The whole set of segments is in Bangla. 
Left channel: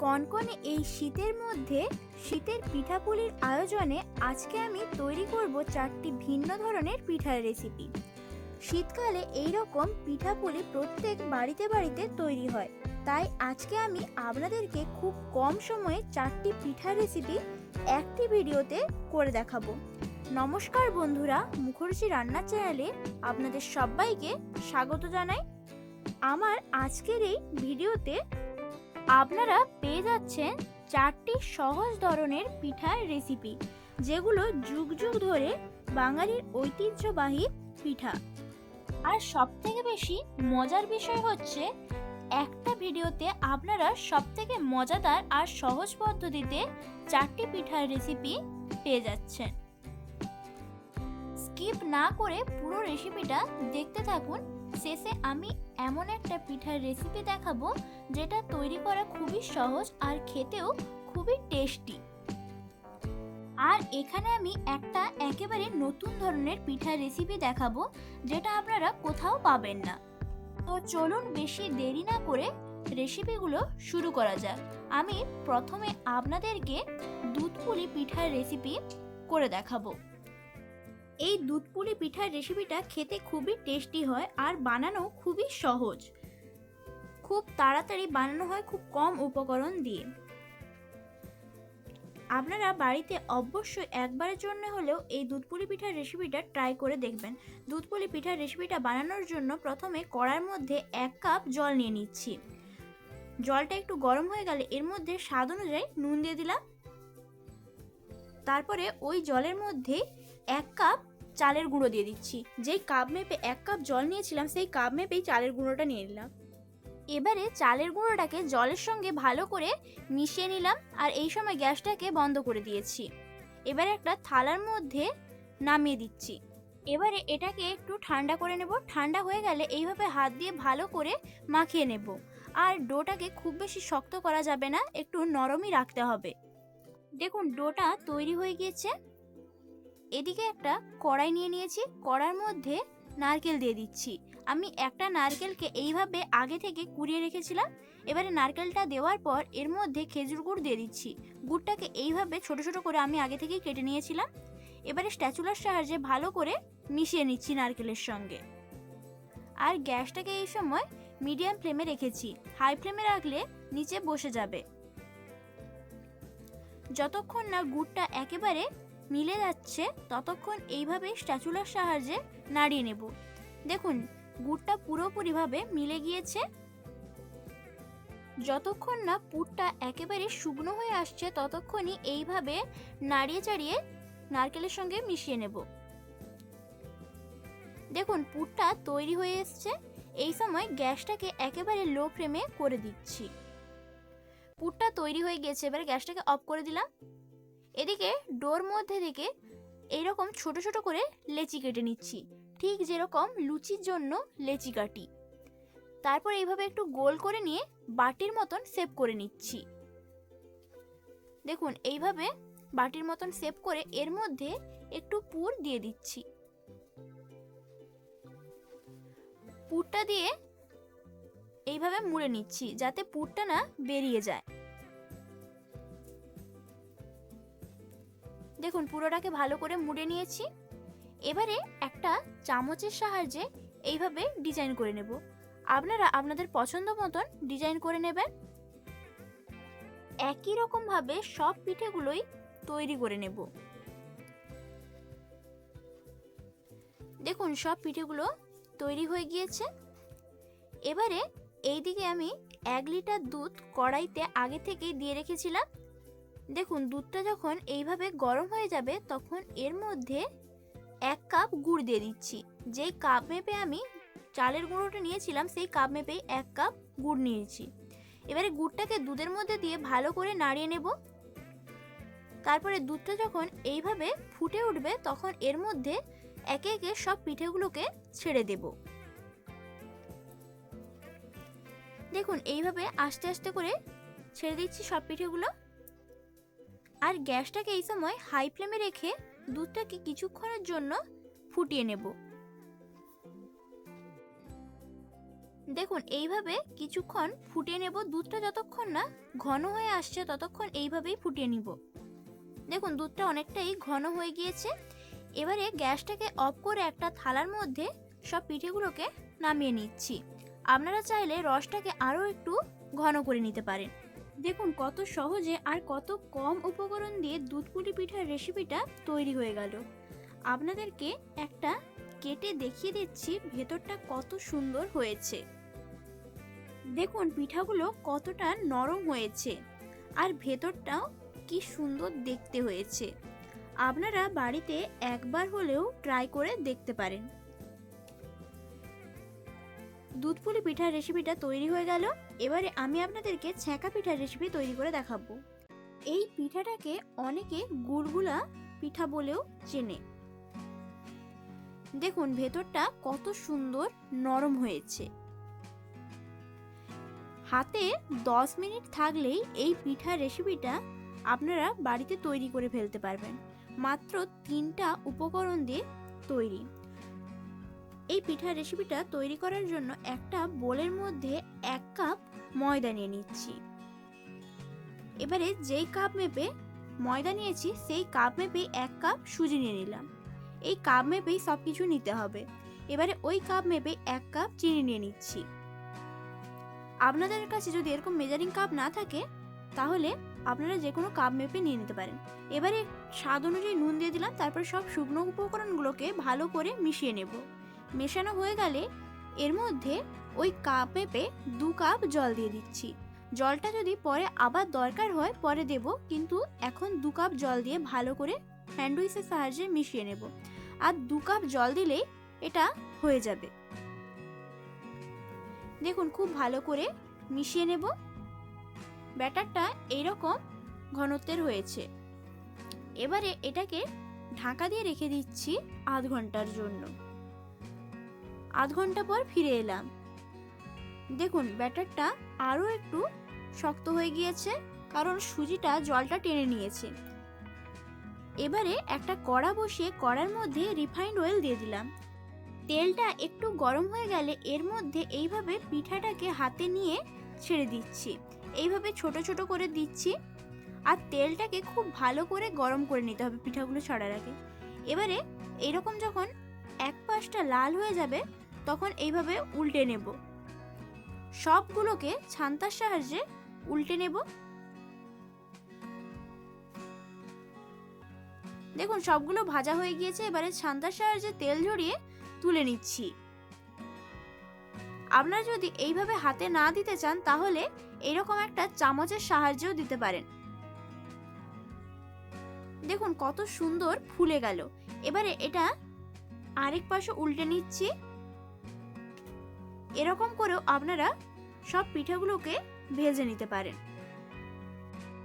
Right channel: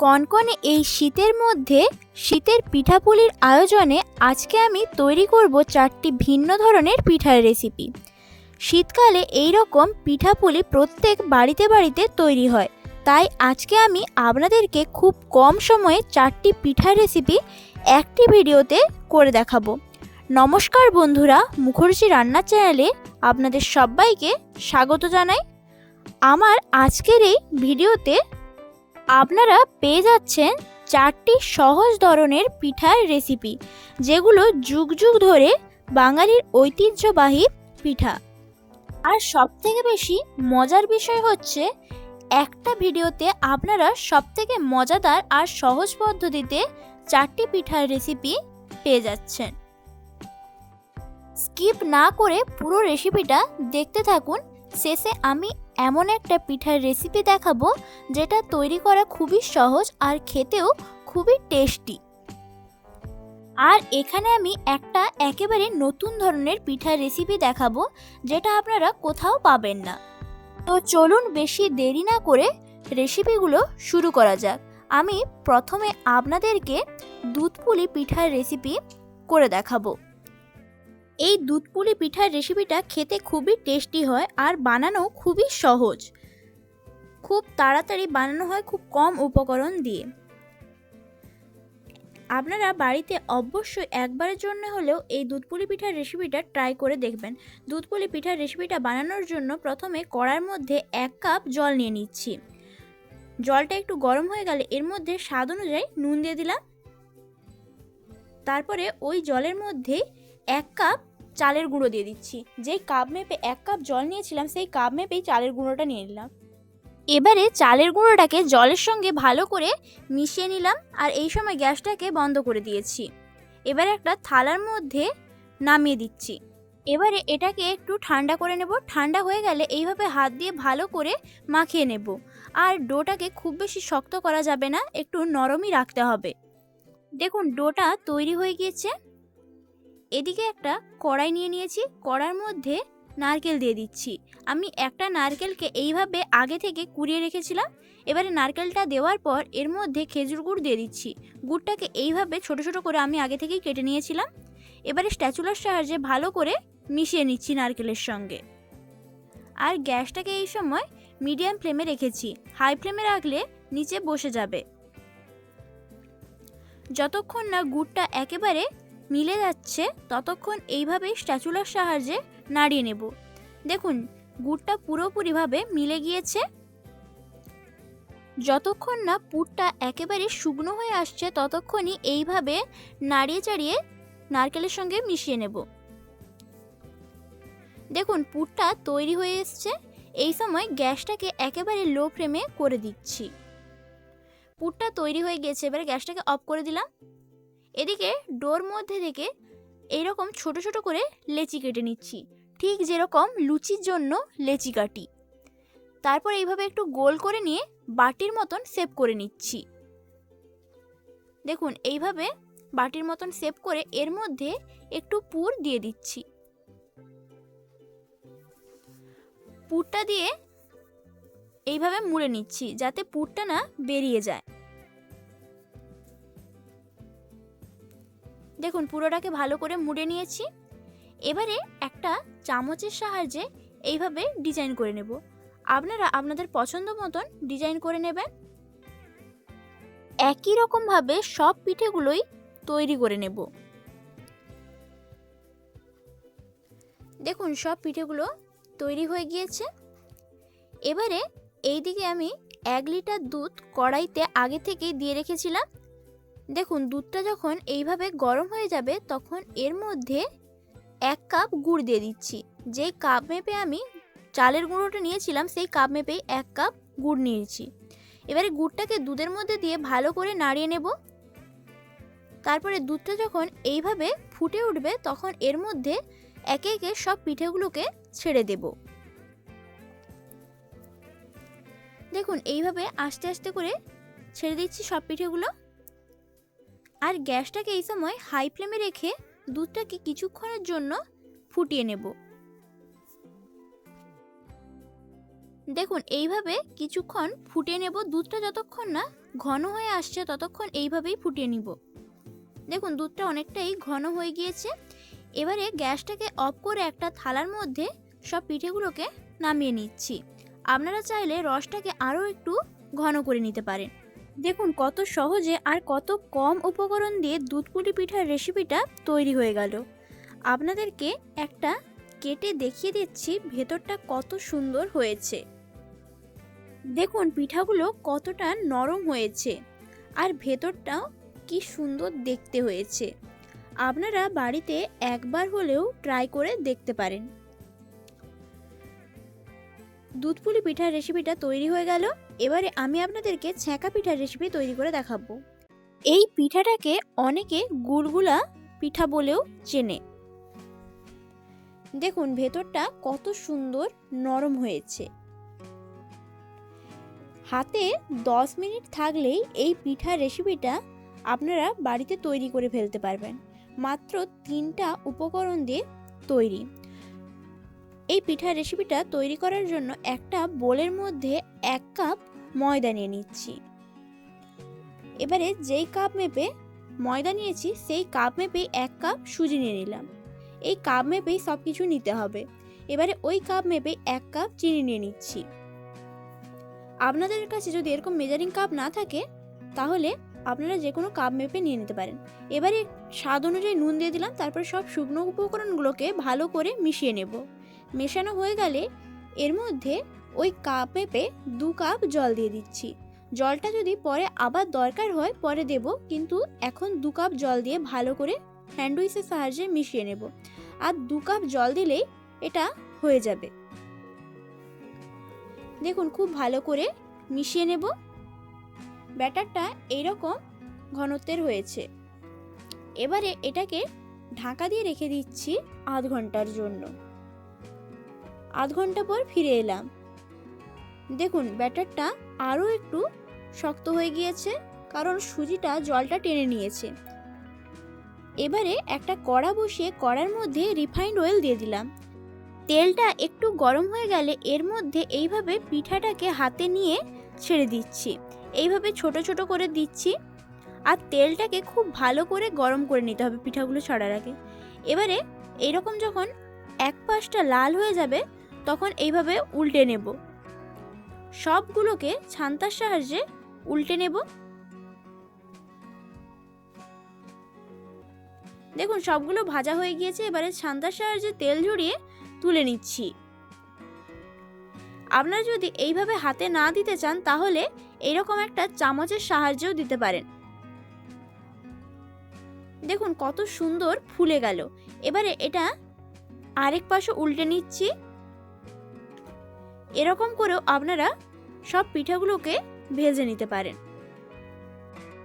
কনকনে এই শীতের মধ্যে শীতের পিঠাপুলির আয়োজনে আজকে আমি তৈরি করব চারটি ভিন্ন ধরনের পিঠার রেসিপি শীতকালে এই রকম পিঠাপুলি প্রত্যেক বাড়িতে বাড়িতে তৈরি হয়। তাই আজকে আমি আপনাদেরকে খুব কম সময়ে চারটি পিঠার রেসিপি একটি ভিডিওতে করে দেখাবো। নমস্কার বন্ধুরা মুখর্জি রান্নার চ্যানেলে আপনাদের সবাইকে স্বাগত জানাই। আমার আজকের এই ভিডিওতে আপনারা পেয়ে যাচ্ছেন চারটি সহজ ধরনের পিঠার রেসিপি যেগুলো যুগ যুগ ধরে বাঙালির ঐতিহ্যবাহী পিঠা। আর সবথেকে বেশি মজার বিষয় হচ্ছে, একটা ভিডিওতে আপনারা সবথেকে মজাদার আর সহজ পদ্ধতিতে চারটি পিঠার রেসিপি পেয়ে যাচ্ছেন। স্কিপ না করে পুরো রেসিপিটা দেখতে থাকুন শেষে আমি এমন একটা পিঠার রেসিপি দেখাবো যেটা তৈরি করা খুবই সহজ আর খেতেও খুবই টেস্টি আর এখানে আমি একটা একেবারে নতুন ধরনের পিঠার রেসিপি দেখাবো যেটা আপনারা কোথাও পাবেন না। তো চলুন বেশি দেরি না করে রেসিপিগুলো শুরু করা যাক। আমি প্রথমে আপনাদেরকে দুধপুলি পিঠার রেসিপি করে দেখাবো। এই দুধ পুলি পিঠার রেসিপিটা খেতে খুবই টেস্টি হয় আর বানানো খুবই সহজ। খুব তাড়াতাড়ি বানানো হয় খুব কম উপকরণ দিয়ে। আপনারা বাড়িতে অবশ্যই একবারের জন্য হলেও এই দুধপুলি পিঠার রেসিপিটা ট্রাই করে দেখবেন। দুধপুলি পিঠার রেসিপিটা বানানোর জন্য প্রথমে কড়ার মধ্যে এক কাপ জল নিয়ে নিচ্ছি। জলটা একটু গরম হয়ে গেলে এর মধ্যে স্বাদ অনুযায়ী নুন দিয়ে দিলাম। তারপরে ওই জলের মধ্যে এক কাপ চালের গুঁড়ো দিয়ে দিচ্ছি। যেই কাপ মেপে এক কাপ জল নিয়েছিলাম, সেই কাপ মেপেই চালের গুঁড়োটা নিয়ে নিলাম। এবারে চালের গুঁড়োটাকে জলের সঙ্গে ভালো করে মিশিয়ে নিলাম আর এই সময় গ্যাসটাকে বন্ধ করে দিয়েছি। এবারে একটা থালার মধ্যে নামিয়ে দিচ্ছি। এবারে এটাকে একটু ঠান্ডা করে নেব। ঠান্ডা হয়ে গেলে এইভাবে হাত দিয়ে ভালো করে মাখিয়ে নেব। আর ডোটাকে খুব বেশি শক্ত করা যাবে না, একটু নরমই রাখতে হবে। দেখুন, ডোটা তৈরি হয়ে গিয়েছে। এদিকে একটা কড়াই নিয়ে নিয়েছি, কড়ার মধ্যে নারকেল দিয়ে দিচ্ছি। আমি একটা নারকেলকে এইভাবে আগে থেকে কুড়িয়ে রেখেছিলাম, এবারে নারকেলটা দেওয়ার পর এর মধ্যে খেজুর গুড় দিয়ে দিচ্ছি। গুড়টাকে এইভাবে ছোট ছোট করে আমি আগে থেকেই কেটে নিয়েছিলাম। এবারে স্ট্যাচুলার সাহায্যে ভালো করে মিশিয়ে নিচ্ছি নারকেলের সঙ্গে। আর গ্যাসটাকে এই সময় মিডিয়াম ফ্লেমে রেখেছি। হাই ফ্লেমে রাখলে নিচে বসে যাবে। যতক্ষণ না গুড়টা একেবারে মিলে যাচ্ছে, ততক্ষণ এইভাবে স্ট্যাচুলার সাহায্যে নাড়িয়ে নেব। দেখুন, গুড়টা পুরোপুরিভাবে মিলে গিয়েছে। যতক্ষণ না পুরটা একেবারে শুকনো হয়ে আসছে, ততক্ষণই এইভাবে নাড়িয়ে চাড়িয়ে নারকেলের সঙ্গে মিশিয়ে নেব। দেখুন, পুরটা তৈরি হয়ে এসছে। এই সময় গ্যাসটাকে একেবারে লো ফ্লেমে করে দিচ্ছি। পুরটা তৈরি হয়ে গেছে এবারে গ্যাসটাকে অফ করে দিলাম। এদিকে ডোর মধ্যে থেকে এইরকম ছোট ছোট করে লেচি কেটে নিচ্ছি। ঠিক যেরকম লুচির জন্য লেচি কাটি। তারপর এইভাবে একটু গোল করে নিয়ে বাটির মতন সেভ করে নিচ্ছি। দেখুন, এইভাবে বাটির মতন সেভ করে এর মধ্যে একটু পুর দিয়ে দিচ্ছি। পুরটা দিয়ে এইভাবে মুড়ে নিচ্ছি যাতে পুরটা না বেরিয়ে যায়। দেখুন, পুরোটাকে ভালো করে মুড়ে নিয়েছি। এবারে একটা চামচের সাহায্যে এইভাবে ডিজাইন করে নেব। আপনারা আপনাদের পছন্দ মতন ডিজাইন করে নেবেন। একই রকমভাবে সব পিঠেগুলোই তৈরি করে নেব। দেখুন, সব পিঠেগুলো তৈরি হয়ে গিয়েছে। এবারে এই দিকে আমি এক লিটার দুধ কড়াইতে আগে থেকেই দিয়ে রেখেছিলাম। দেখুন, দুধটা যখন এইভাবে গরম হয়ে যাবে, তখন এর মধ্যে এক কাপ গুড় দিয়ে দিচ্ছি। যেই কাপ মেপে আমি চালের গুঁড়োটা নিয়েছিলাম, সেই কাপ মেপেই এক কাপ গুড় নিয়েছি। এবারে গুড়টাকে দুধের মধ্যে দিয়ে ভালো করে নাড়িয়ে নেব। তারপরে দুধটা যখন এইভাবে ফুটে উঠবে, তখন এর মধ্যে একে একে সব পিঠেগুলোকে ছেড়ে দেব। দেখুন, এইভাবে আস্তে আস্তে করে ছেড়ে দিচ্ছি সব পিঠেগুলো। আর গ্যাসটাকে এই সময় হাই ফ্লেমে রেখে দুধটাকে কিছুক্ষণের জন্য ফুটিয়ে নেব। দেখুন, এইভাবে কিছুক্ষণ ফুটিয়ে নেব। দুধটা যতক্ষণ না ঘন হয়ে আসছে, ততক্ষণ এইভাবেই ফুটিয়ে নিব। দেখুন, দুধটা অনেকটাই ঘন হয়ে গিয়েছে। এবারে গ্যাসটাকে অফ করে একটা থালার মধ্যে সব পিঠেগুলোকে নামিয়ে নিচ্ছি। আপনারা চাইলে রসটাকে আরও একটু ঘন করে নিতে পারেন। দেখুন কত সহজে আর কত কম উপকরণ দিয়ে দুধপুলি পিঠার রেসিপিটা তৈরি হয়ে গেল। আপনাদেরকে একটা কেটে দেখিয়ে দিচ্ছি ভেতরটা কত সুন্দর হয়েছে। দেখুন পিঠাগুলো কতটা নরম হয়েছে আর ভেতরটাও কি সুন্দর দেখতে হয়েছে। আপনারা বাড়িতে একবার হলেও ট্রাই করে দেখতে পারেন। দুধপুলি পিঠার রেসিপিটা তৈরি হয়ে গেল। এবারে আমি আপনাদেরকে ছ্যাঁকা পিঠার রেসিপি তৈরি করে দেখাবো। এই পিঠাটাকে অনেকে গুড়গুলা পিঠা বলেও চেনে। দেখুন, ভেতরটা কত সুন্দর নরম হয়েছে। হাতে 10 মিনিট থাকলেই এই পিঠার রেসিপিটা আপনারা বাড়িতে তৈরি করে ফেলতে পারবেন। মাত্র তিনটা উপকরণ দিয়ে তৈরি। এই পিঠার রেসিপিটা তৈরি করার জন্য একটা বোলের মধ্যে এক কাপ ময়দা নিয়ে নিচ্ছি। এবারে যেই কাপ মেপে ময়দা নিয়েছি, সেই কাপ মেপে এক কাপ সুজি নিয়ে নিলাম। এই কাপ মেপেই সব কিছু নিতে হবে। এবারে ওই কাপ মেপে এক কাপ চিনি নিয়ে নিচ্ছি। আপনাদের কাছে যদি এরকম মেজারিং কাপ না থাকে, তাহলে আপনারা যে কোনো কাপ মেপে নিয়ে নিতে পারেন। এবারে স্বাদ অনুযায়ী নুন দিয়ে দিলাম, তারপর সব শুকনো উপকরণগুলোকে ভালো করে মিশিয়ে নেব। মেশানো হয়ে গেলে এর মধ্যে ওই কাপ মেপে দু কাপ জল দিয়ে দিচ্ছি। জলটা যদি পরে আবার দরকার হয় পরে দেব, কিন্তু এখন দু কাপ জল দিয়ে ভালো করে হ্যান্ডউইচের সাহায্যে মিশিয়ে নেব। আর দু কাপ জল দিলেই এটা হয়ে যাবে। দেখুন, খুব ভালো করে মিশিয়ে নেব। ব্যাটারটা এইরকম ঘনত্বের হয়েছে। এবারে এটাকে ঢাকা দিয়ে রেখে দিচ্ছি আধ ঘণ্টার জন্য। আধ ঘণ্টা পর ফিরে এলাম। দেখুন, ব্যাটারটা আরও একটু শক্ত হয়ে গিয়েছে, কারণ সুজিটা জলটা টেনে নিয়েছে। এবারে একটা কড়া বসিয়ে কড়ার মধ্যে রিফাইন্ড অয়েল দিয়ে দিলাম। তেলটা একটু গরম হয়ে গেলে এর মধ্যে এইভাবে পিঠাটাকে হাতে নিয়ে ছেড়ে দিচ্ছি। এইভাবে ছোট ছোট করে দিচ্ছি। আর তেলটাকে খুব ভালো করে গরম করে নিতে হবে পিঠাগুলো ছড়ার আগে। এবারে এইরকম যখন এক পাশটা লাল হয়ে যাবে তখন এইভাবে উল্টে নেব। সবগুলোকে ছান্তার সাহায্যে উল্টে নেব। দেখুন, সবগুলো ভাজা হয়ে গিয়েছে, এবারে ছান্তার সাহায্যে তেল ঝরিয়ে তুলে নিচ্ছি। আপনারা যদি এইভাবে হাতে না দিতে চান, তাহলে এরকম একটা চামচের সাহায্যও দিতে পারেন। দেখুন, কত সুন্দর ফুলে গেল। এবারে এটা আরেক পাশে উল্টে নিচ্ছি। এরকম করেও আপনারা সব পিঠাগুলোকে ভেজে নিতে পারেন।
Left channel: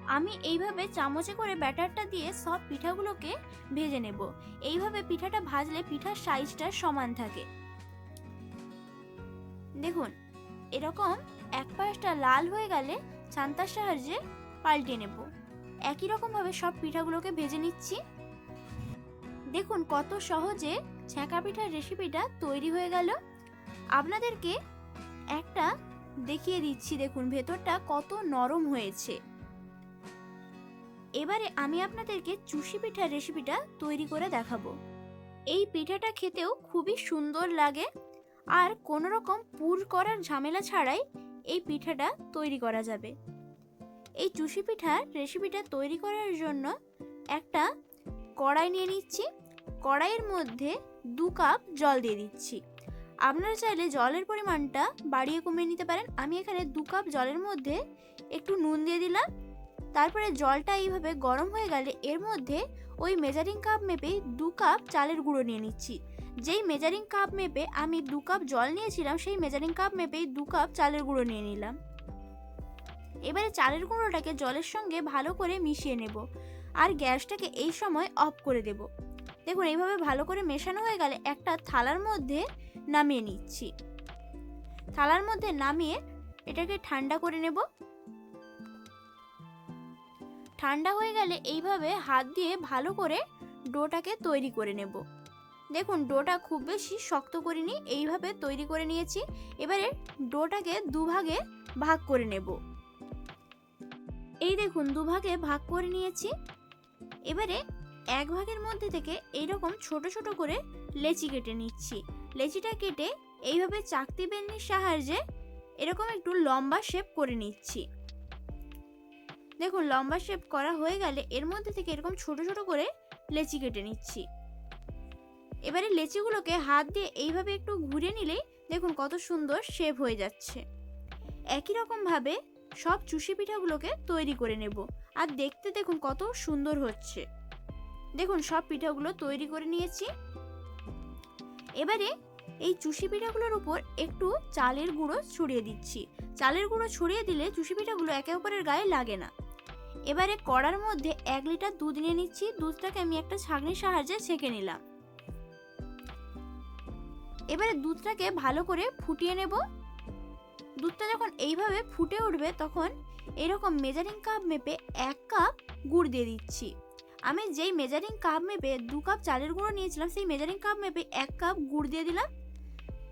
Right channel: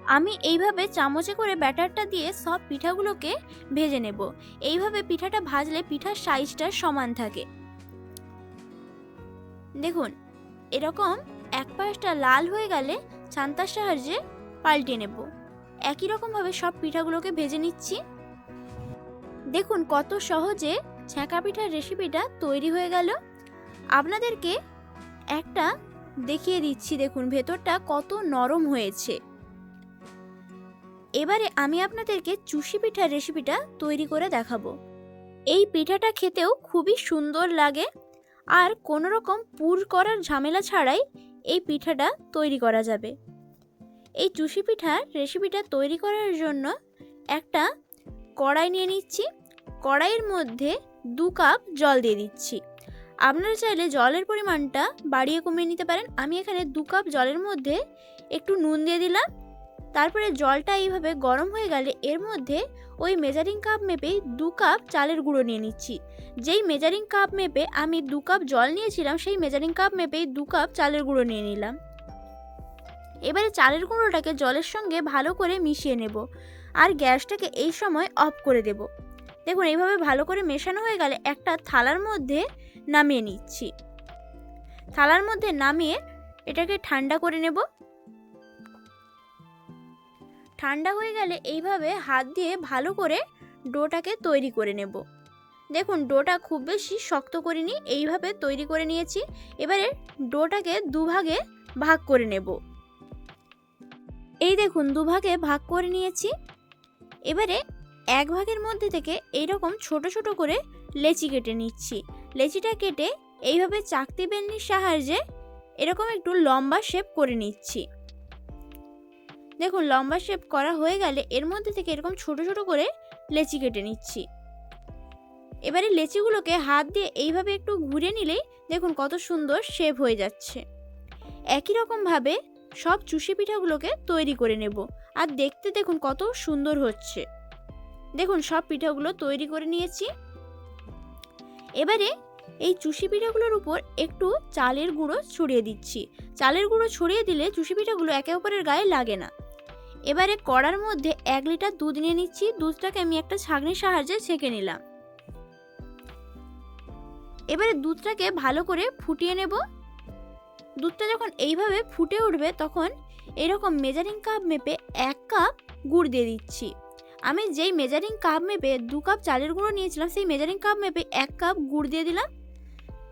আমি এইভাবে চামচে করে ব্যাটারটা দিয়ে সব পিঠাগুলোকে ভেজে নেব। এইভাবে পিঠাটা ভাজলে পিঠার সাইজটা সমান থাকে। দেখুন, এরকম এক পাশটা লাল হয়ে গেলে ছান্তার সাহায্যে পাল্টে নেব। একই রকমভাবে সব পিঠাগুলোকে ভেজে নিচ্ছি। দেখুন কত সহজে ছ্যাঁকা পিঠার রেসিপিটা তৈরি হয়ে গেল। আপনাদেরকে একটা দেখিয়ে দিচ্ছি, দেখুন, ভেতরটা কত নরম হয়েছে। এবারে আমি আপনাদেরকে চুষি পিঠার রেসিপিটা তৈরি করে দেখাবো। এই পিঠাটা খেতেও খুবই সুন্দর লাগে আর কোনো রকম পুর করার ঝামেলা ছাড়াই এই পিঠাটা তৈরি করা যাবে। এই চুষি পিঠার রেসিপিটা তৈরি করার জন্য একটা কড়াই নিয়ে নিচ্ছি। কড়াইয়ের মধ্যে দু কাপ জল দিয়ে দিচ্ছি। আপনারা চাইলে জলের পরিমাণটা বাড়িয়ে কমিয়ে নিতে পারেন। আমি এখানে দু কাপ জলের মধ্যে একটু নুন দিয়ে দিলাম। তারপরে জলটা এইভাবে গরম হয়ে গেলে এর মধ্যে ওই মেজারিং কাপ মেপেই দু কাপ চালের গুঁড়ো নিয়ে নিচ্ছি। যেই মেজারিং কাপ মেপে আমি দু কাপ জল নিয়েছিলাম, সেই মেজারিং কাপ মেপেই দু কাপ চালের গুঁড়ো নিয়ে নিলাম। এবারে চালের গুঁড়োটাকে জলের সঙ্গে ভালো করে মিশিয়ে নেব আর গ্যাসটাকে এই সময় অফ করে দেব। দেখুন, এইভাবে ভালো করে মেশানো হয়ে গেলে একটা থালার মধ্যে নামিয়ে নিচ্ছি। থালার মধ্যে নামিয়ে এটাকে ঠান্ডা করে নেব। ঠান্ডা হয়ে গেলে এইভাবে হাত দিয়ে ভালো করে ডোটাকে তৈরি করে নেব। দেখুন, ডোটা খুব বেশি শক্ত করিনি, এইভাবে তৈরি করে নিয়েছি। এবারে ডোটাকে দুভাগে ভাগ করে নেব। এই দেখুন, দুভাগে ভাগ করে নিয়েছি। এবারে এক ভাগের মধ্যে থেকে এইরকম ছোট ছোট করে লেচি কেটে নিচ্ছি। লেচিটা কেটে এইভাবে চাকতি বেলনির সাহায্যে এরকম একটু লম্বা শেপ করে নিচ্ছি। দেখুন, লম্বা শেপ করা হয়ে গেলে এর মধ্যে থেকে এরকম ছোট ছোট করে লেচি কেটে নিচ্ছি। এবারে লেচিগুলোকে হাত দিয়ে এইভাবে একটু ঘুরে নিলেই দেখুন কত সুন্দর শেপ হয়ে যাচ্ছে। একই রকমভাবে সব চুষি পিঠাগুলোকে তৈরি করে নেব আর দেখতে দেখুন কত সুন্দর হচ্ছে। দেখুন, সব পিঠাগুলো তৈরি করে নিয়েছি। এবারে এই চুষি পিঠাগুলোর উপর একটু চালের গুঁড়ো ছড়িয়ে দিচ্ছি। চালের গুঁড়ো ছড়িয়ে দিলে চুষি পিঠাগুলো একে অপরের গায়ে লাগে না। এবারে কড়ার মধ্যে এক লিটার দুধ নিয়ে নিচ্ছি। দুধটাকে আমি একটা ছাঁকনির সাহায্যে ছেঁকে নিলাম। এবারে দুধটাকে ভালো করে ফুটিয়ে নেব। দুধটা যখন এইভাবে ফুটে উঠবে তখন এরকম মেজারিং কাপ মেপে এক কাপ গুড় দিয়ে দিচ্ছি। আমি যেই মেজারিং কাপ মেপে দু কাপ চালের গুঁড়ো নিয়েছিলাম, সেই মেজারিং কাপ মেপে এক কাপ গুড় দিয়ে দিলাম।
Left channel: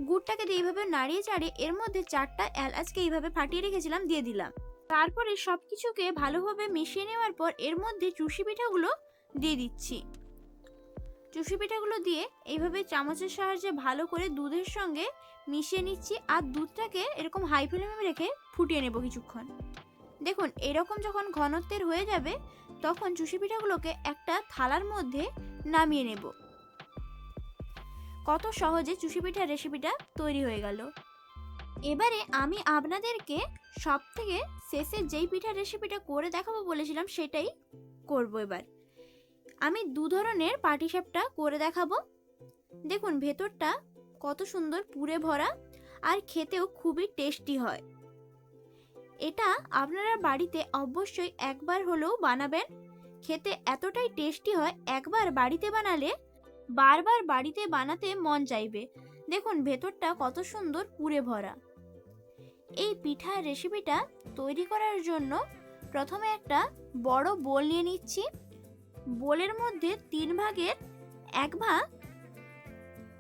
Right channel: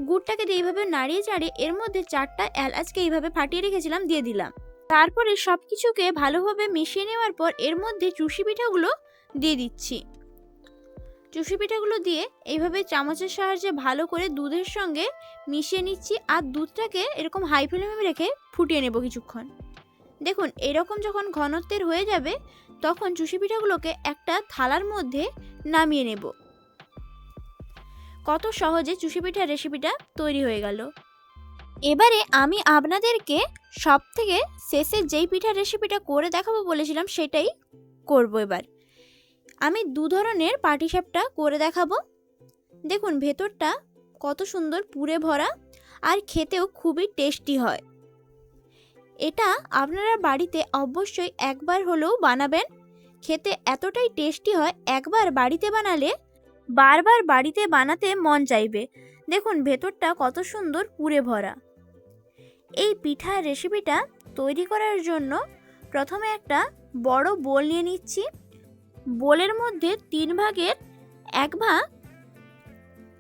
গুড়টাকে দিয়ে এইভাবে নাড়িয়ে চাড়িয়ে এর মধ্যে চারটা এলাচকে এইভাবে ফাটিয়ে রেখেছিলাম, দিয়ে দিলাম। তারপরে সব কিছুকে ভালোভাবে মিশিয়ে নেওয়ার পর এর মধ্যে চুষি পিঠাগুলো দিয়ে দিচ্ছি। চুষি পিঠাগুলো দিয়ে এইভাবে চামচের সাহায্যে ভালো করে দুধের সঙ্গে মিশিয়ে নিচ্ছি আর দুধটাকে এরকম হাই ফ্লেমে রেখে ফুটিয়ে নেব কিছুক্ষণ। দেখুন, এরকম যখন ঘনত্বের হয়ে যাবে তখন চুষি পিঠাগুলোকে একটা থালার মধ্যে নামিয়ে নেব। কত সহজে চুষি পিঠার রেসিপিটা তৈরি হয়ে গেল। এবারে আমি আপনাদেরকে সব থেকে শেষে যেই পিঠার রেসিপিটা করে দেখাবো বলেছিলাম সেটাই করব এবার। আমি দু ধরনের পাটিসাপটা করে দেখাবো। দেখুন, ভেতরটা কত সুন্দর পুরে ভরা আর খেতেও খুবই টেস্টি হয়। এটা আপনারা বাড়িতে অবশ্যই একবার হলেও বানাবেন। খেতে এতটাই টেস্টি হয়, একবার বাড়িতে বানালে বারবার বাড়িতে বানাতে মন চাইবে। দেখুন, ভেতরটা কত সুন্দর পুরে ভরা। এই পিঠার রেসিপিটা তৈরি করার জন্য প্রথমে একটা বড় বোল নিয়ে নিচ্ছি। বোলের মধ্যে তিন ভাগের এক ভাগ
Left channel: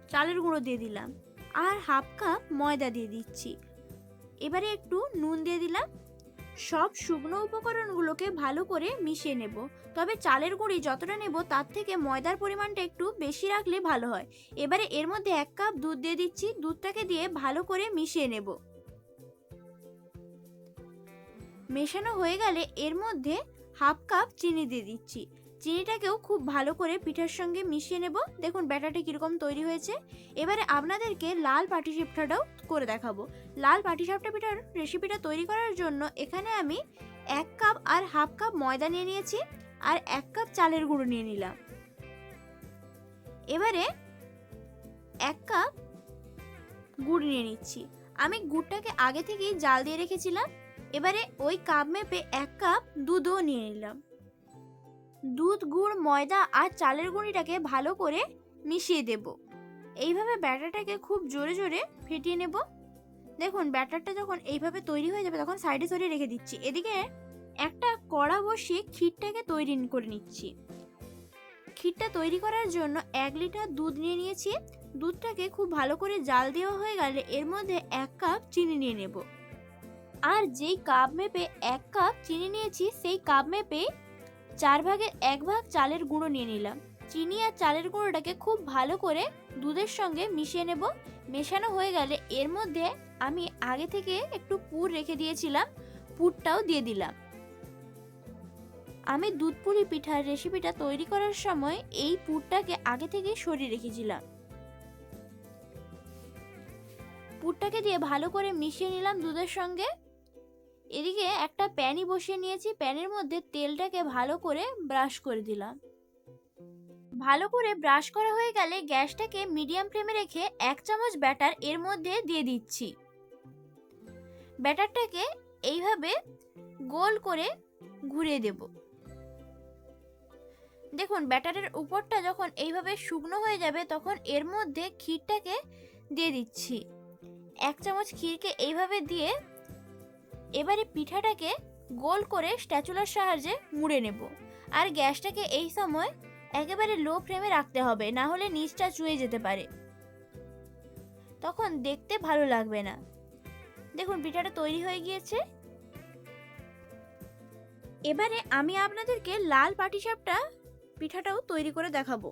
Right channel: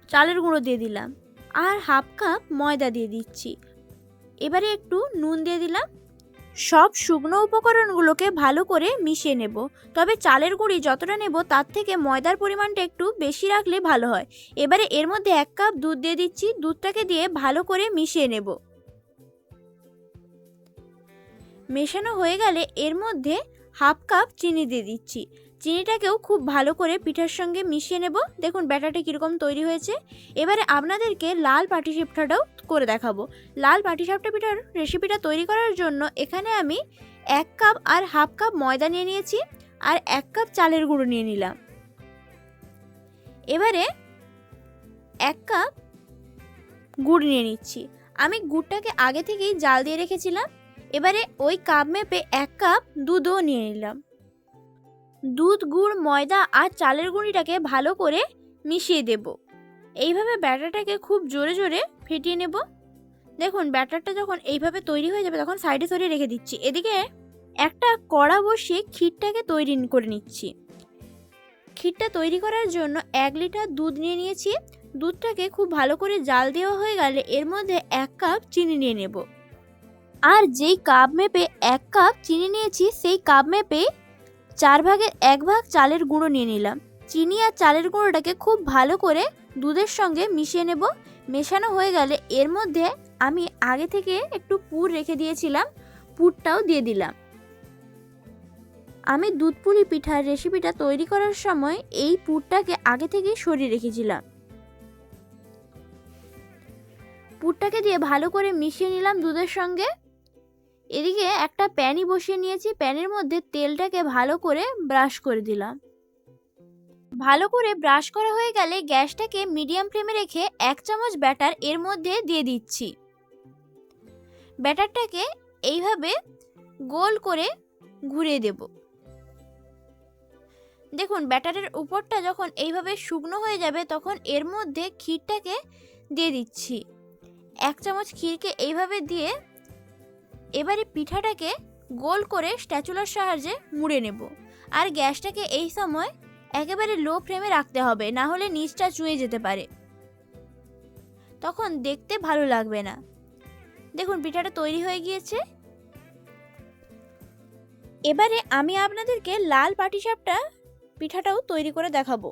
চালের গুঁড়ো দিয়ে দিলাম। আর হাফ কাপ ময়দা দিয়ে দিচ্ছি। এবারে একটু নুন দিয়ে দিলাম। সব শুকনো উপকরণগুলোকে ভালো করে মিশিয়ে নেব। তবে চালের গুঁড়ি যতটা নেব তার থেকে ময়দার পরিমাণটা একটু বেশি রাখলে ভালো হয়। এবারে এর মধ্যে এক কাপ দুধ দিয়ে দিচ্ছি। দুধটাকে দিয়ে ভালো করে মিশিয়ে নেব। মেশানো হয়ে গেলে এর মধ্যে হাফ কাপ চিনি দিয়ে দিচ্ছি। চিনিটাকেও খুব ভালো করে পিঠার সঙ্গে মিশিয়ে নেব। দেখুন ব্যাটারটা কীরকম তৈরি হয়েছে। এবারে আপনাদেরকে লাল পাটিসাপটাটাও করে দেখাবো। লাল পাটিসাপটা পিঠার রেসিপিটা তৈরি করার জন্য এখানে আমি এক কাপ আর হাফ কাপ ময়দা নিয়ে নিয়েছি আর এক কাপ চালের গুঁড়ো নিয়ে নিলাম। এবারে এক কাপ গুড় নিয়ে নিচ্ছি। আমি গুড়টাকে আগে থেকেই জাল দিয়ে রেখেছিলাম। এবারে ওই কাপ মেপে এক কাপ দুধও নিয়ে নিলাম। দুধ, গুড়, ময়দা আর চালের গুঁড়িটাকে ভালো করে মিশিয়ে দেব। এইভাবে ব্যাটারটাকে খুব জোরে জোরে ফেটিয়ে নেব। দেখুন, ব্যাটারটা যখন এইভাবে তৈরি হয়ে যাবে, তখন সাইডে সরিয়ে রেখে দিচ্ছি। এদিকে একটা কড়া বসিয়ে ক্ষীরটাকে তৈরি করে নিচ্ছি। ক্ষীরটা তৈরি করার জন্য এক লিটার দুধ নিয়ে নিয়েছি। দুধটাকে খুব ভালো করে জাল দেওয়া হয়ে গেলে এর মধ্যে এক কাপ চিনি নিয়ে নেব। আর যেই কাপ মেপে এক কাপ চিনি নিয়েছি, সেই কাপ মেপে চার ভাগের এক ভাগ চালের গুঁড়ো নিয়ে নিলাম। চিনি আর চালের গুঁড়োটাকে খুব ভালো করে দুধের সঙ্গে মিশিয়ে নেব। মেশানো হয়ে গেলে এর মধ্যে আমি আগে থেকে একটু পুর রেখে দিয়েছিলাম, পুরটাও দিয়ে দিলাম। আমি দুধ পুলি পিঠার রেসিপিটা তৈরি করার সময় এই পুরটাকে আগে থেকে সরিয়ে রেখেছিলাম। পুরটাকে দিয়ে ভালো করে মিশিয়ে নিলাম দুধের সঙ্গে। এদিকে একটা প্যানই বসিয়ে নিয়েছি, প্যানের মধ্যে তেলটাকে ভালো করে ব্রাশ করে দিলাম। ভালো করে ব্রাশ করা হয়ে গেলে গ্যাসটাকে মিডিয়াম ফ্লেমে রেখে এক চামচ ব্যাটার এর মধ্যে দিয়ে দিচ্ছি। ব্যাটারটাকে এইভাবে গোল করে ঘুরিয়ে দেব। দেখুন, ব্যাটারের উপরটা যখন এইভাবে শুকনো হয়ে যাবে তখন এর মধ্যে ক্ষীরটাকে দিয়ে দিচ্ছি। এক চামচ ক্ষীরকে এইভাবে দিয়ে এবারে পিঠাটাকে গোল করে স্ট্যাচুলার সাহায্যে মুড়ে নেব। আর গ্যাসটাকে এই সময় একেবারে লো ফ্লেমে রাখতে হবে, না হলে নিচটা চুয়ে যেতে পারে। তখন দেখতে ভালো লাগবে না। দেখুন, পিঠাটা তৈরি হয়ে গিয়েছে। এবারে আমি আপনাদেরকে লাল পাটিসাপটা পিঠাটাও তৈরি করে দেখাবো।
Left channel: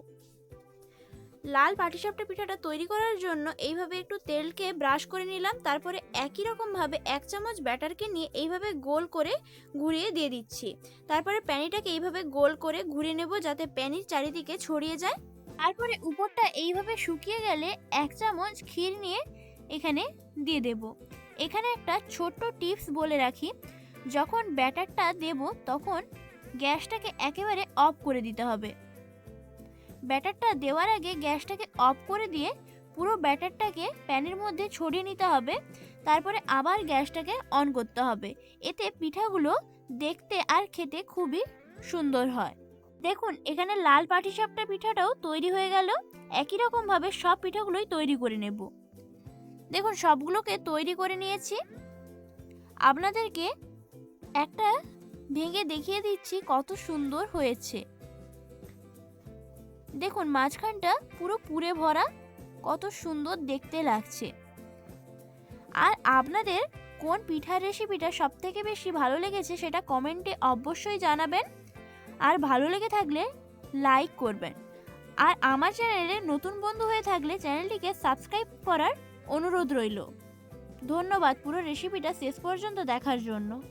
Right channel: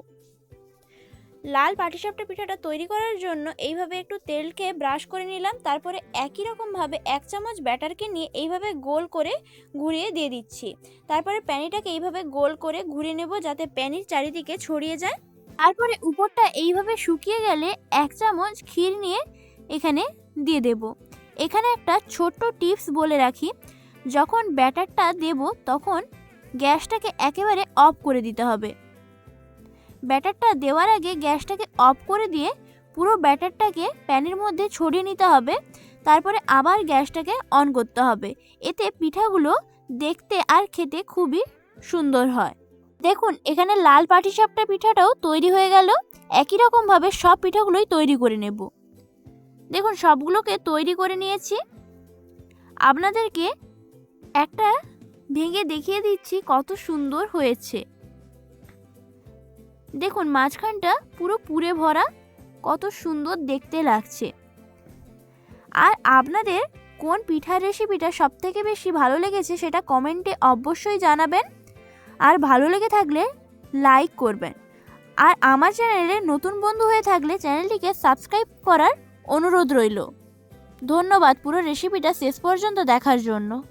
লাল পাটিসাপটা পিঠাটা তৈরি করার জন্য এইভাবে একটু তেলকে ব্রাশ করে নিলাম। তারপরে একই রকমভাবে এক চামচ ব্যাটারকে নিয়ে এইভাবে গোল করে ঘুরিয়ে দিয়ে দিচ্ছি। তারপরে প্যানিটাকে এইভাবে গোল করে ঘুরিয়ে নেব যাতে প্যানির চারিদিকে ছড়িয়ে যায়। তারপরে উপরটা এইভাবে শুকিয়ে গেলে এক চামচ ক্ষীর নিয়ে এখানে দিয়ে দেব। এখানে একটা ছোট্ট টিপস বলে রাখি, যখন ব্যাটারটা দেব তখন গ্যাসটাকে একেবারে অফ করে দিতে হবে। ব্যাটারটা দেওয়ার আগে গ্যাসটাকে অফ করে দিয়ে পুরো ব্যাটারটাকে প্যানের মধ্যে ছড়িয়ে নিতে হবে। তারপরে আবার গ্যাসটাকে অন করতে হবে। এতে পিঠাগুলো দেখতে আর খেতে খুবই সুন্দর হয়। দেখুন, এখানে লাল পাটিসাপটা পিঠাটাও তৈরি হয়ে গেল। একই রকমভাবে সব পিঠাগুলোই তৈরি করে নেব। দেখুন, সবগুলোকে তৈরি করে নিয়েছি। আপনাদেরকে একটা ভেঙে দেখিয়ে দিচ্ছি কত সুন্দর হয়েছে। দেখুন, মাঝখানটা পুরো পুরে ভরা, কত সুন্দর দেখতে লাগছে। আর আপনাদের কোন পিঠার রেসিপিটা সব থেকে বেশি ভালো লেগেছে সেটা কমেন্টে অবশ্যই জানাবেন। আর ভালো লেগে থাকলে লাইক করবেন। আর আমার চ্যানেলে নতুন বন্ধু হয়ে থাকলে চ্যানেলটিকে সাবস্ক্রাইব করার অনুরোধ রইল। ধন্যবাদ পুরো রেসিপিটা শেষ পর্যন্ত দেখার জন্য।